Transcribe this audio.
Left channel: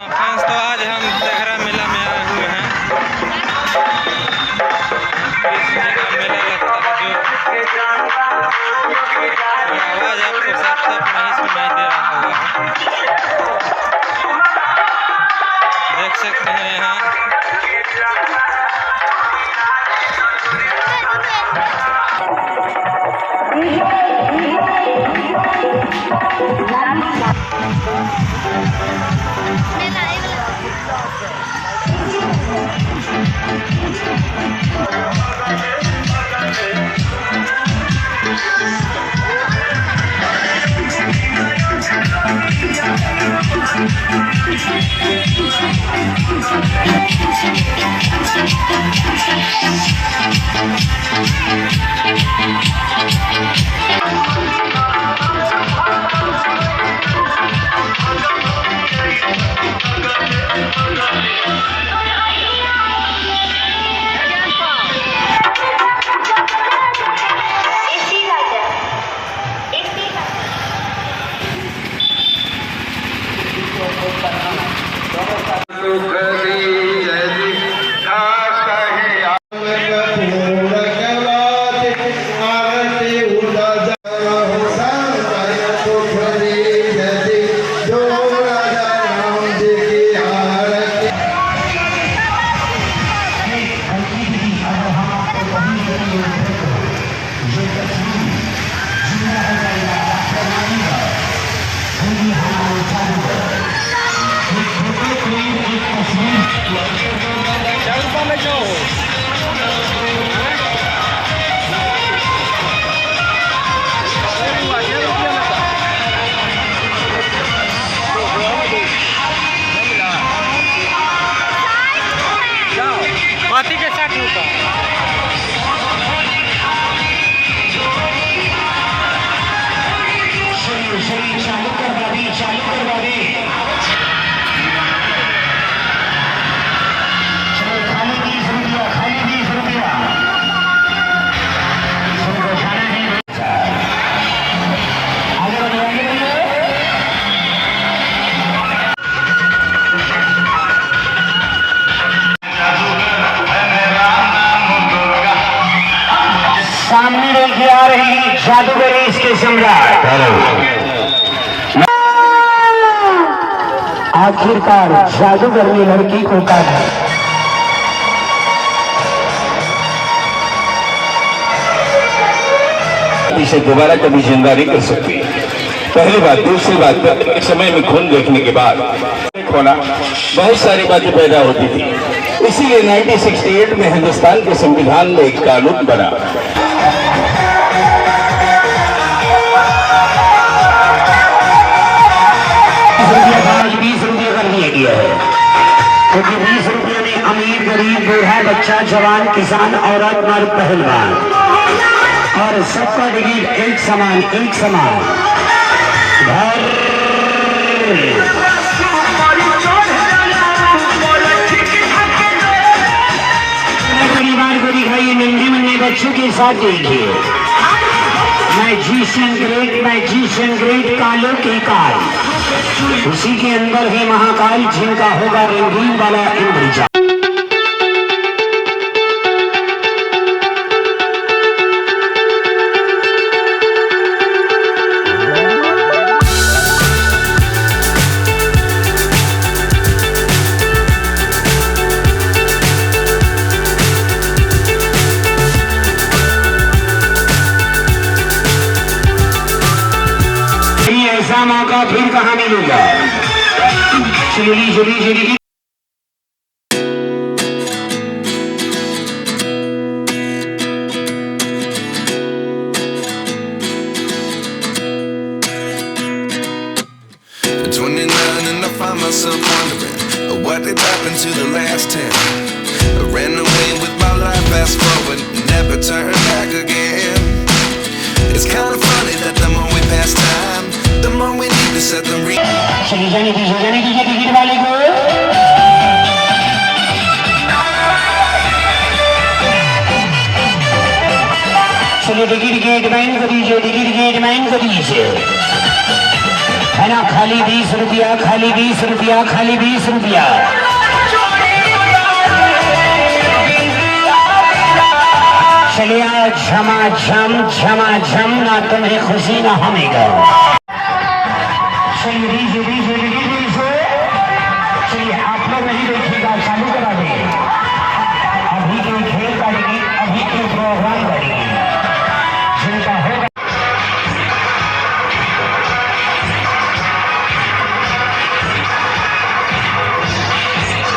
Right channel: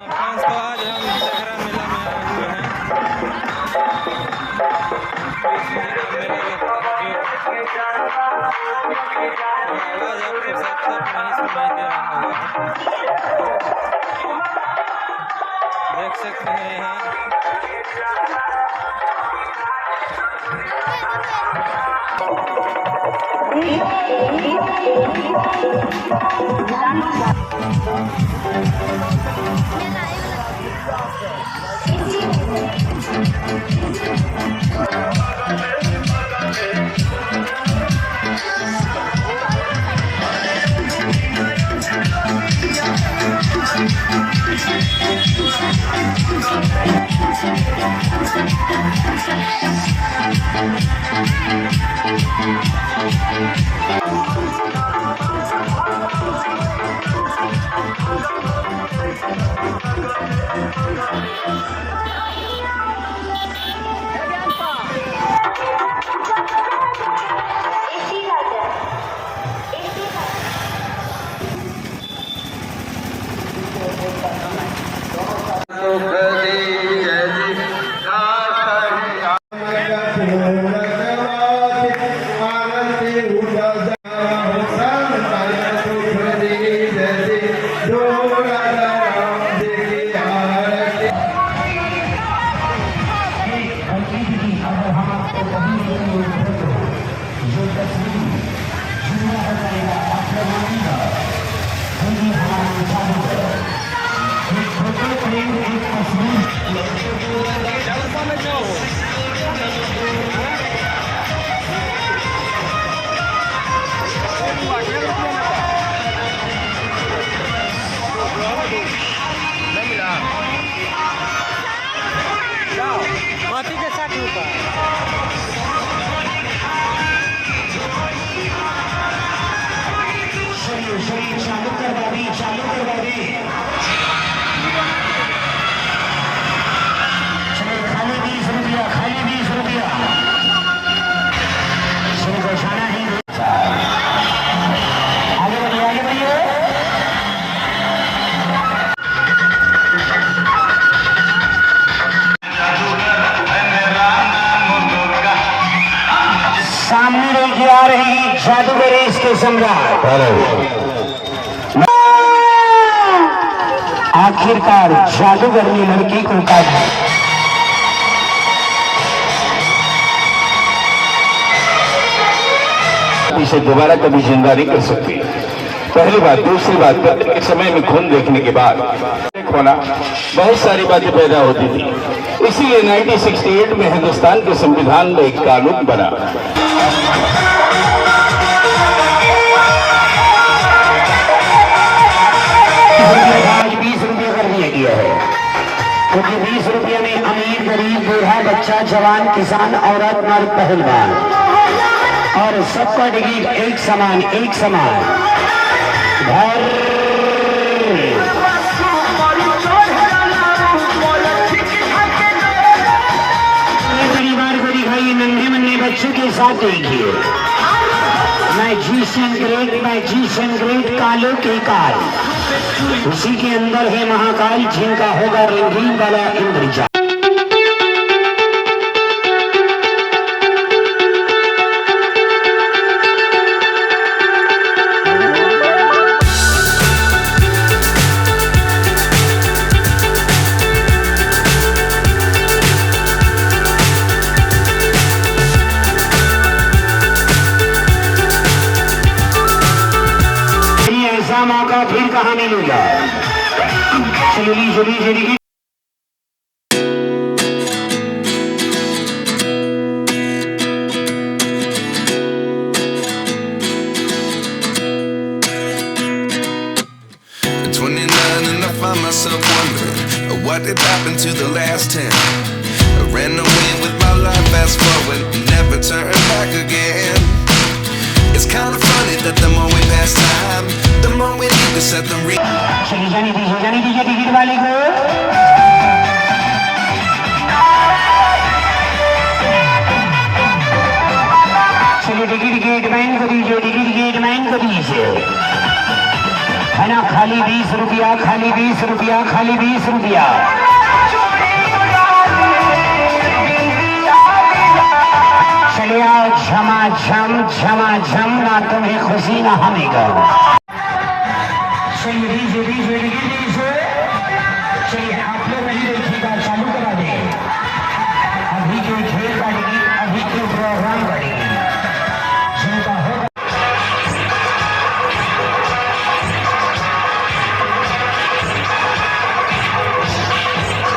Friends, तो आज हम तेघरा मेला में आए हुए हैं। कृष्ण जी का मेला लगता है, जो आवाज़ आपको साफ साफ नहीं सुनाई दे रहा होगा। देख सकते हैं यहाँ हाथी के साथ रुका। चालू कर गाड़ी, चालू कर गाड़ी। चलो, खाली 20 रुपया, खाली 20 रुपया। इसमें घोषणा है। आगे बढ़िए, आगे बढ़िए। सामने लेके आ रही जादूगरी इसके सम्राट। आखिरकार जादूगर ने लड़की को काटा। इसे दोबारा कभी जिंदा नहीं कर सकती। पहली बात। दूसरी बात, एक समय में खून देखने के बाद होना बहुत सारी बातें पैदा होती थी। इसीलिए 1968 में हिंदुस्तान के संविधान में एक कानून बना। आज 20 रुपये कर दिया गया है, क्योंकि 20 रुपये में अमीर गरीब बूढ़ा बच्चा जवान किसान औरत मर्द पहलवान और सबका टिकट एक समान, एक समान। परिवार को दिखाइए, नन्हे मुन्ने बच्चों के साथ देखिए। मैजिशियन ग्रेट कालो के काल, उसी के अंदर है महाकाल, जिनका होगा रंगीन वाला इंद्रजाल। ऐसा मौका फिर कहाँ मिलेगा? चली चली चली। And I find myself wondering what did happen to the last 10. I ran away with my life, fast forward, never turn back again. It's kind of funny that the more we pass time, the more we need to set them real. चली जाने दीजिए ticket वाले को। चलिए ticket gate man को दीजिए, ticket gate man को दीजिए। है ना, खाली 20 रुपया, खाली 20 रुपया, खाली 20 रुपया। चले आओ झमाझम झमाझम, ना तुम्हें खुशी ना हमें गम। चलिए आप लोग नहीं देखिएगा, चालू